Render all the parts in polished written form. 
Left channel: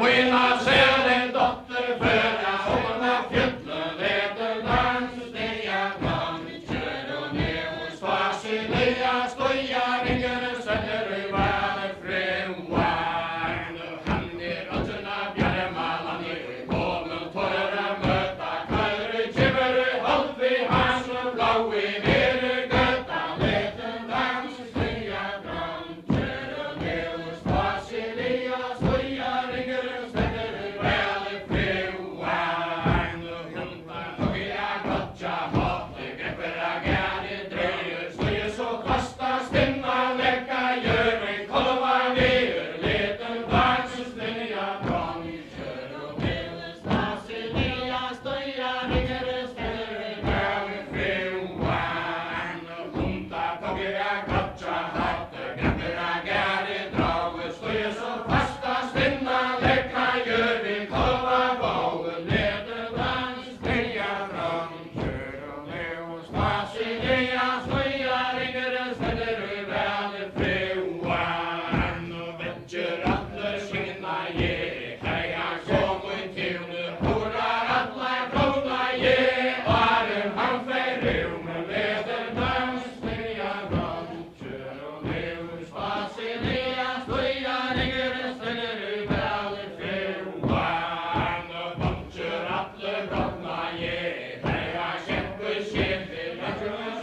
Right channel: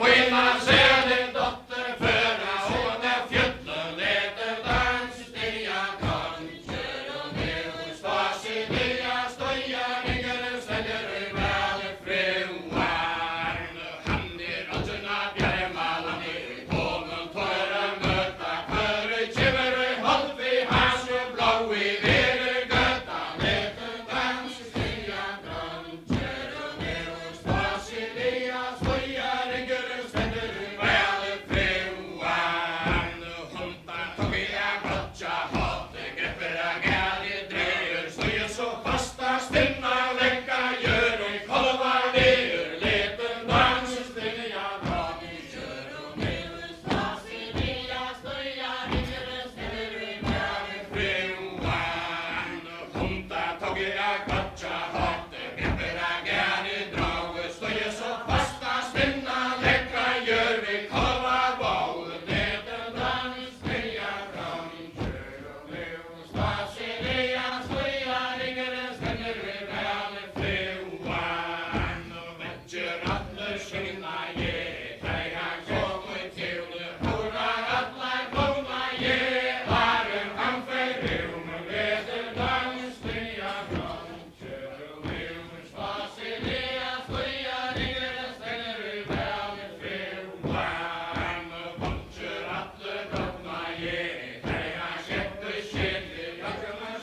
Willa ser en dotter föda och när fjällen leder dans steja kom kör och ner hos Vasilia stoja ringer söder i valet fruan han allt bjärma ner kommer torra möta kör chiver håll vi hans blå i ner götta leder dans steja kom kör och ner hos Vasilia stoja ringer söder i valet fruan hunta tog jag brotcha hat grepper agari drejer stoja så fasta stämma läcka gör och kolva ner leder dans steja kom kör och ner hos Vasilia stoja ringer söder i valet fruan hunta tog jag brotcha hat grepper agari drag stoja så fasta stämma läcka gör vi kolva bau leder dans steja kom kör och ner hos Vasilia stoja ringer söder i valet fruan vetter alla skinna ge kläja kommer till nu horar alla komma ge var han förrum leder dans steja kom kör och ner hos Vasilia stoja ringer söder i valet fruan vetter alla komma ge kläja kämpe skinna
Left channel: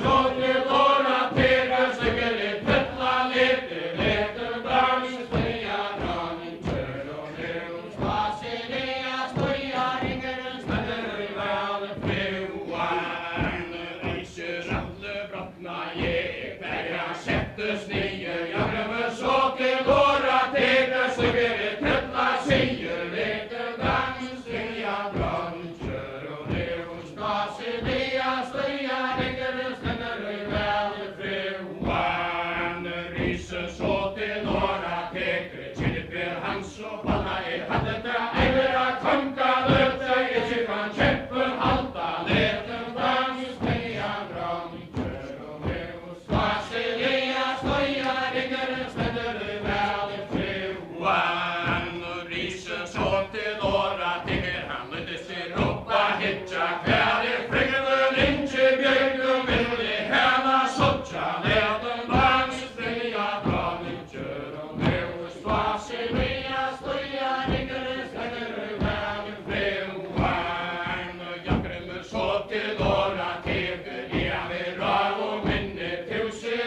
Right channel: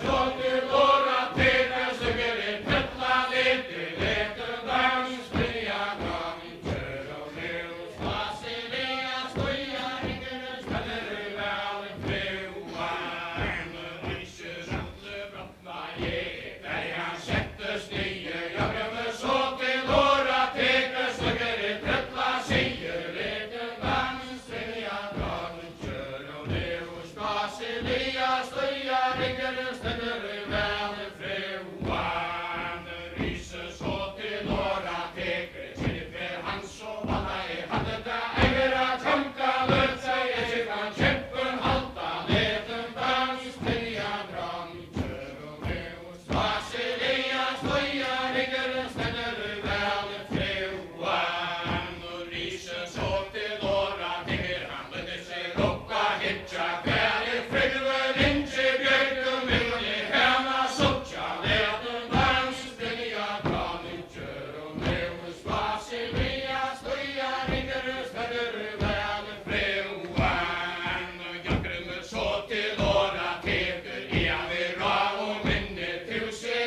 så nu låra tega segel i pötla leder dans steja kom kör och ner hos Vasilia stoja ringer söder i valet fruan ryser alla brottna ge kläja sättes nio jag glömmer så till låra tega segel i pötla säger leder dans steja kom kör och ner hos Vasilia stoja ringer söder i valet fruan ryser så till låra tega chilper hans och banna i handen där ägera tanka löp sig i kyrkan käppen halta leder dans steja kom kör och ner hos Vasilia stoja ringer söder i valet fruan ryser så till låra tega han lödde sig roppa hitcha kväll frängande inte björk och vill i hela soltja leder dans steja kom kör och ner hos Vasilia stoja ringer söder i valet fruan jag glömmer så till låra tega ja vi gav och minne till sig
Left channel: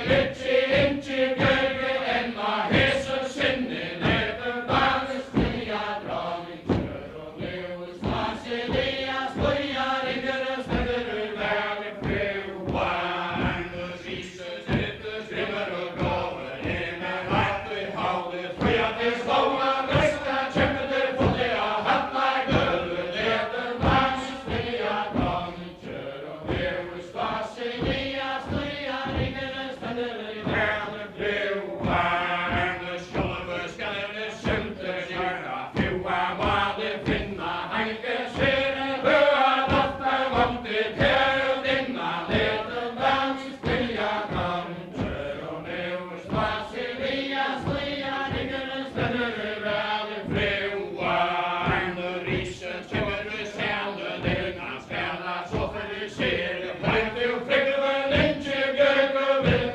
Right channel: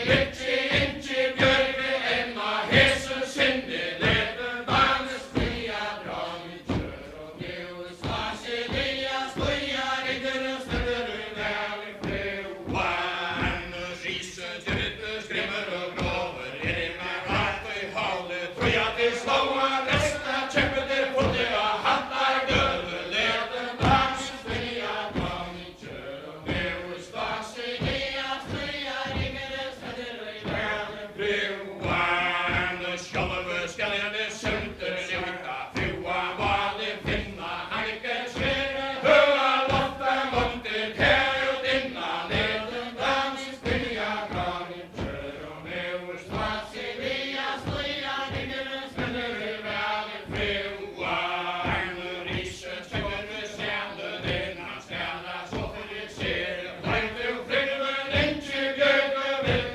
inte björk än av hesen sinne leder dans steja kom kör och ner hos Vasilia stoja ringer söder i valet fruan ryser till skrimmer och graver är med rakt i havet tröja till slånga nästa kämper för det jag handlar död leder dans steja kom kör och ner hos Vasilia stoja ringer söder i valet fruan skålar för skallade sölter kyrka frua vanlig finna hanken svere höa lofta långt i kärldinna leder dans steja kom kör och ner hos Vasilia stoja ringer söder i valet fruan ryser tjunger i sälen innan ställa så för du ser långt ur frängande inte björk och vill